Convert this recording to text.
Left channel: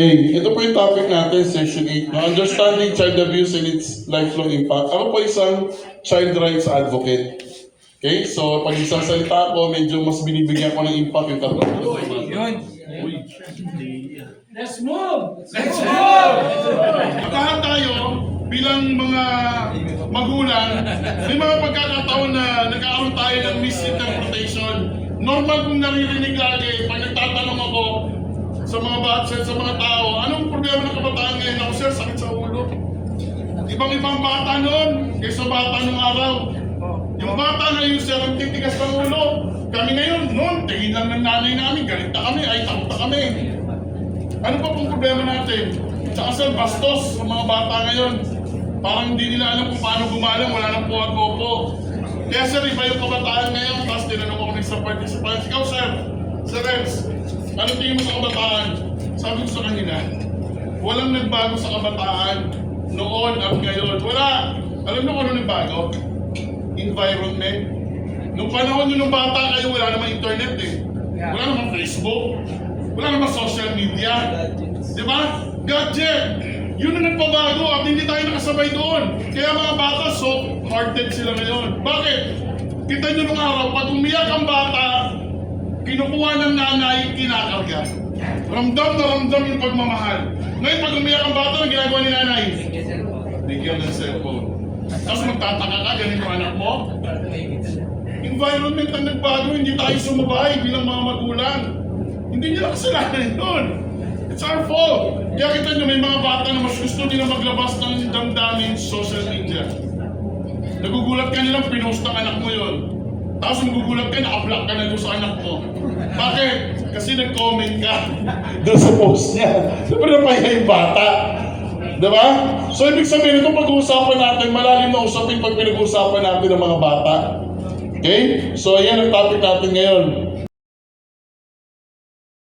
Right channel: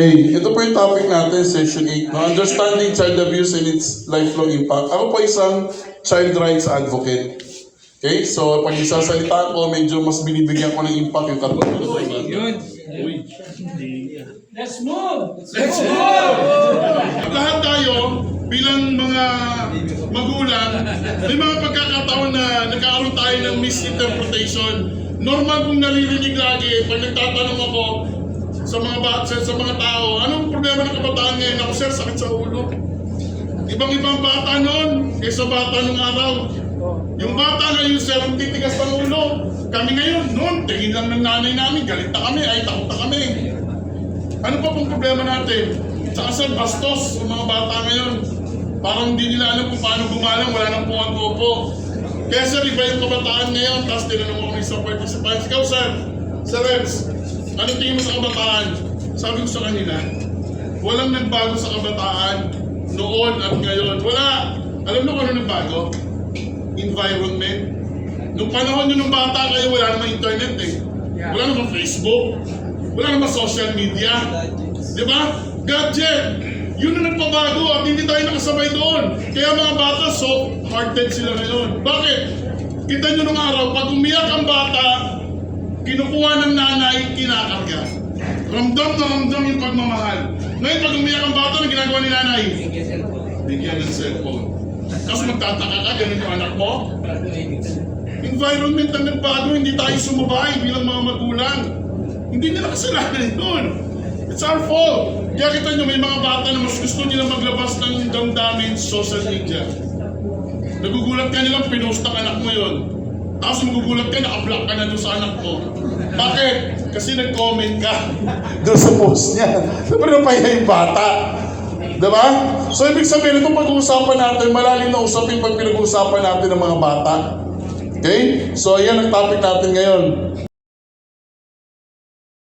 Hey, ito po yung topic natin, session 8, no? Understanding child abuse and its lifelong impact. Ako po isang child rights advocate. Okay, so pag isasalita ko, medyo mas binibigyan ko ng impact yung katulad. Uy. Let's move! Let's move! Lahat tayo, bilang mga magulang, may mga pagkakataon na nagkakaroon tayo ng misinterpretation. Normal kung naririnig lagi, pag nagtatanong ako sa mga bata, sa mga tao, anong problema ng kabataan ngayon? Ako, sir, sakit sa ulo. Ibang-ibang bata noon, kaysa bata nung araw. Yung bata ngayon, sir, ang titigas ng ulo. Kami ngayon, noon, tingin lang ng nanay namin, galit na kami, ay takot na kami. Ano pa pong problema natin? Tsaka sir, bastos sa mga bata ngayon. Parang hindi nila alam kung paano gumalang, wala nang puwag-gopo. Kaya sir, iba yung kabataan ngayon, tapos tinanong ako ng isang participants. Ikaw sir, Sir Rebs, ano tingin mo sa kabataan? Sabi ko sa kanila, walang nagbago sa kabataan noon at ngayon. Wala. Alam mo kung ano nagbago? Environment. Nung panahon nyo nung bata kayo, wala namang internet eh. Wala namang Facebook. Wala namang social media. Di ba? Gadget. Yun ang nagpabago at hindi tayo nakasabay doon. Kaya mga bata, soft-hearted sila ngayon. Bakit? Kita nyo nung araw, pag umiyak ang bata, kinukuha ng nanay, kinakarga. Ramdam na ramdam yung pagmamahal. Ngayon, pag umiyak ang bata, ang ginagawa ni nanay? Bigyan ng cellphone. Tapos magtataka ka, ganun yung anak mo? Environment ang nagbago, hindi tayo sumabay bilang mga magulang. Hindi nila kasalanan yun. It's our fault. Kaya kita nyo, may mga bata na mas gusto nila maglabas ng damdamin sa social media. Nagugulat ka nilang pinost ang anak mo yun. Tapos magugulat ka, naka-block ka na doon sa anak mo. Bakit? Kasi nag-comment ka doon sa post niya. Siyempre napahiya yung bata. Diba? So ibig sabihin, itong pag-uusapan natin, malalim na usapin pag pinag-uusapan natin ng mga bata. Okay? So ayan ang topic natin ngayon.